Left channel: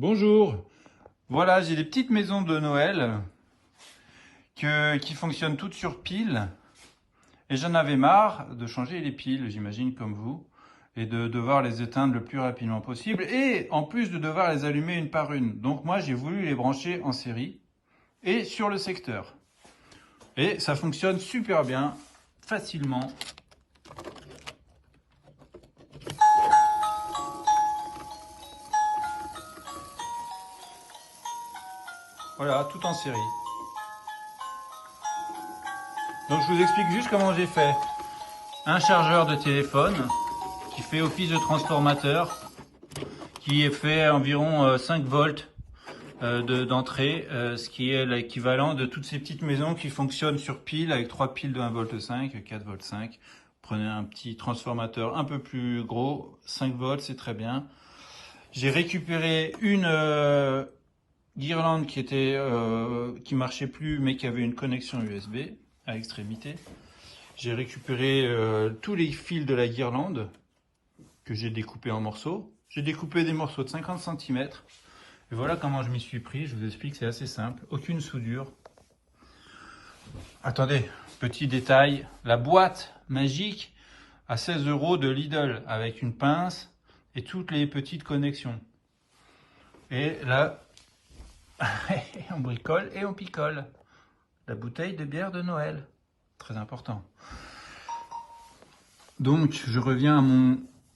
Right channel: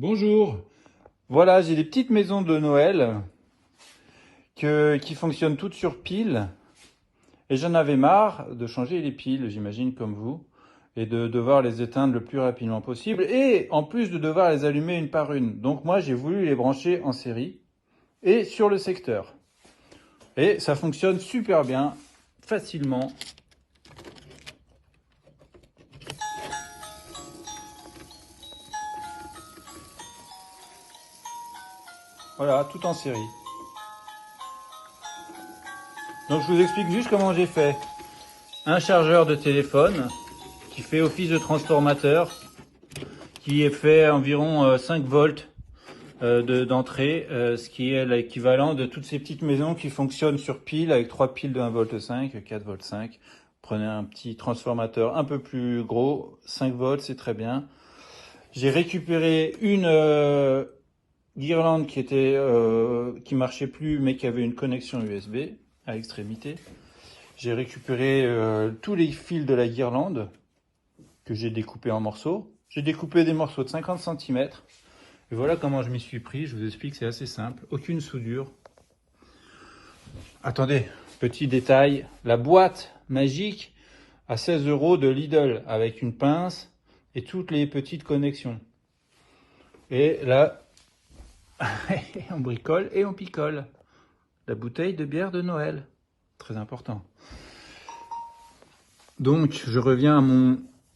Bonjour, voilà, j'ai des petites maisons de Noël qui fonctionnent toutes sur piles et j'en avais marre de changer les piles, j'imagine comme vous, et de devoir les éteindre le plus rapidement possible et en plus de devoir les allumer une par une. Donc moi j'ai voulu les brancher en série et sur le secteur. Et ça fonctionne super bien, facilement. Voilà, tout en série. Donc je vous explique juste comment j'ai fait. Un chargeur de téléphone qui fait office de transformateur, qui est fait environ 5 volts d'entrée, ce qui est l'équivalent de toutes ces petites maisons qui fonctionnent sur pile avec 3 piles de 1,5 V, 4,5 V. Prenez un petit transformateur un peu plus gros, 5 volts, c'est très bien. J'ai récupéré une guirlande qui marchait plus mais qui avait une connexion USB à l'extrémité. J'ai récupéré tous les fils de la guirlande que j'ai découpés en morceaux. J'ai découpé des morceaux de 50 cm. Et voilà comment je m'y suis pris. Je vous explique, c'est assez simple. Aucune soudure. Attendez, petit détail. La boîte magique à 16 € de Lidl avec une pince et toutes les petites connexions. Et là, on bricole et on picole. La bouteille de bière de Noël. Très important. Donc, je reviens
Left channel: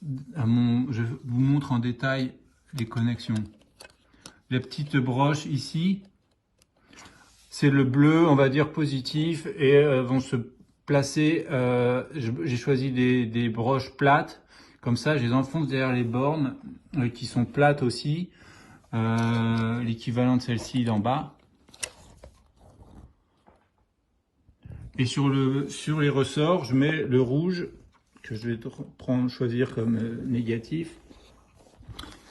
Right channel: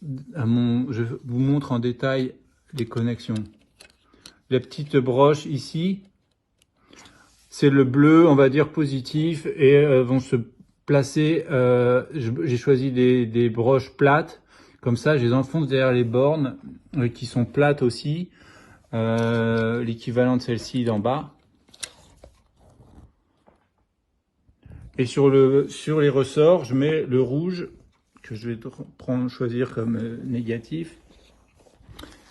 je vous montre en détail les connexions. Les petites broches ici, c'est le bleu, on va dire positif, et vont se placer. J'ai choisi des broches plates, comme ça, je les enfonce derrière les bornes qui sont plates aussi, l'équivalent de celle-ci d'en bas. Et sur les ressorts, je mets le rouge que je vais choisir comme négatif.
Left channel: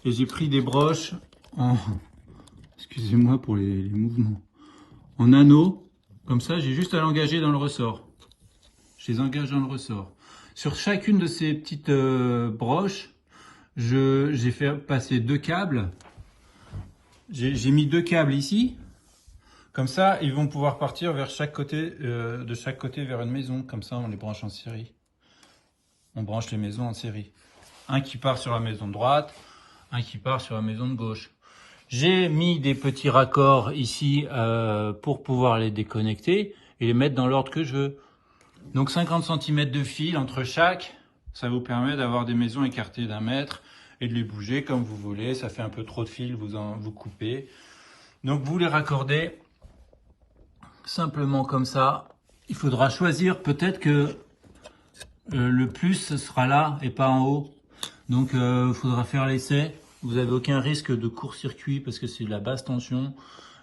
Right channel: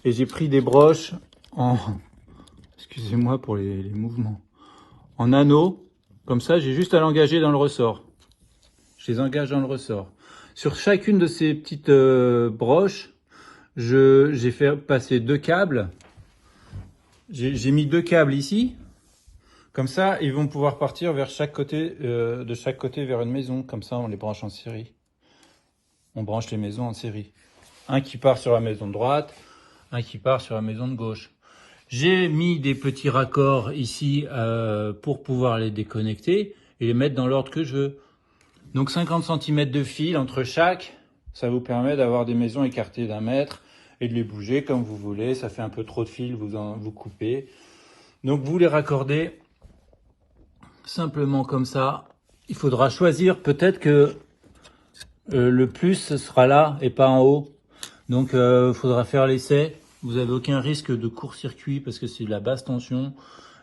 Et j'ai pris des broches excusez-moi pour les mouvements, en anneaux, comme ça j'ai juste à l'engager dans le ressort. Je les engage dans le ressort. Sur chacune de ces petites broches, j'ai fait passer 2 câbles. J'ai mis 2 câbles ici. Comme ça, ils vont pouvoir partir vers chaque côté, de chaque côté vers une maison. Comme ça, on les branche en série. On branche les maisons en série. Un qui part sur la maison de droite, un qui part sur la maison de gauche. J'ai mis des petits raccords ici pour pouvoir les déconnecter et les mettre dans l'ordre que je veux. Donc 50 cm de fil entre chaque, ça vous permet d'avoir des maisons écartées d'1 mètre et de les bouger comme vous voulez. Ça fait un peu trop de fil, vous coupez. Donc vous les raccordez simplement comme ça. Il faudra choisir, peut-être que le plus ce sera là et pas en haut. Donc il faudra faire l'essai. Vous n'avez aucun risque de court-circuit parce que c'est de la basse tension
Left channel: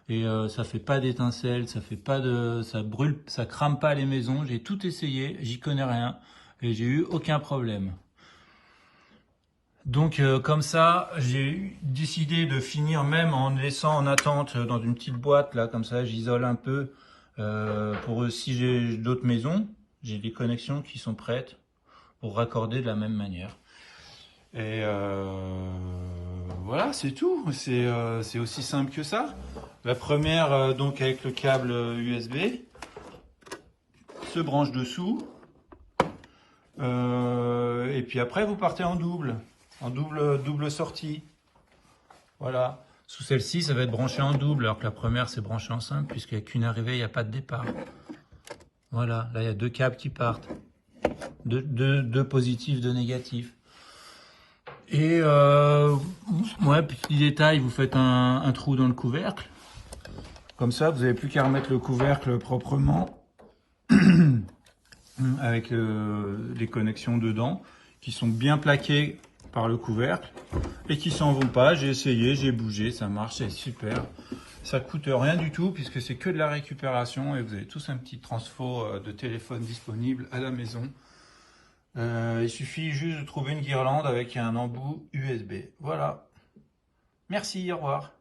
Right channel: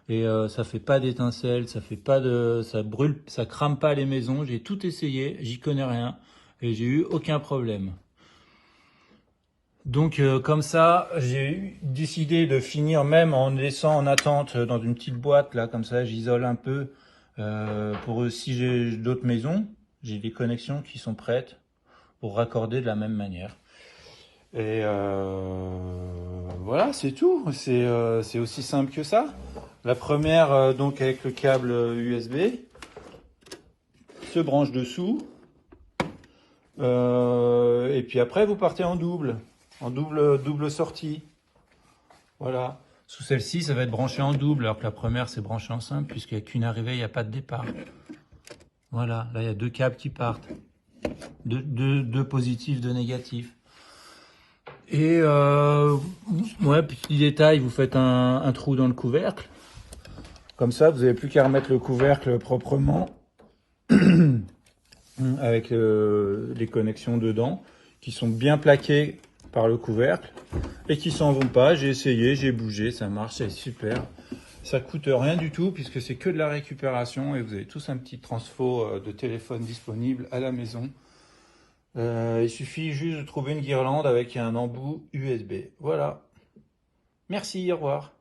et ça fait pas d'étincelles, ça brûle, ça crame pas les maisons. J'ai tout essayé, j'y connais rien et j'ai eu aucun problème. Donc comme ça, j'ai décidé de finir même en laissant en attente dans une petite boîte là, comme ça j'isole un peu pour si j'ai d'autres maisons, j'ai des connexions qui sont prêtes pour raccorder de la même manière. Et voilà, c'est tout. C'est aussi simple que ça. La première, donc avec le câble USB, se branche dessous. Et puis après, vous partez en double sortie. Voilà. Sous celle-ci, ça va être branché en double, alors que la première, c'est branché en simple, puisqu'il n'y a qu'une arrivée, il n'y a pas de départ. Voilà, là, il y a 2 câbles qui partent. Deux positifs, 2 négatifs. Et ouais, petit détail, vous faites un trou dans le couvercle. Comme ça, vous n'avez plus qu'à remettre le couvercle proprement avec les connexions dedans qui sont bien plaquées par le couvercle et qui s'en vont pas. J'ai essayé, j'ai bougé, ça marche, c'est super. Ça coûte rien du tout puisque c'est que de la récupération et vous avez tous un petit transfo de téléphone disponible à la maison. Il suffit juste de trouver une guirlande avec un embout USB. Voilà. Merci, au revoir.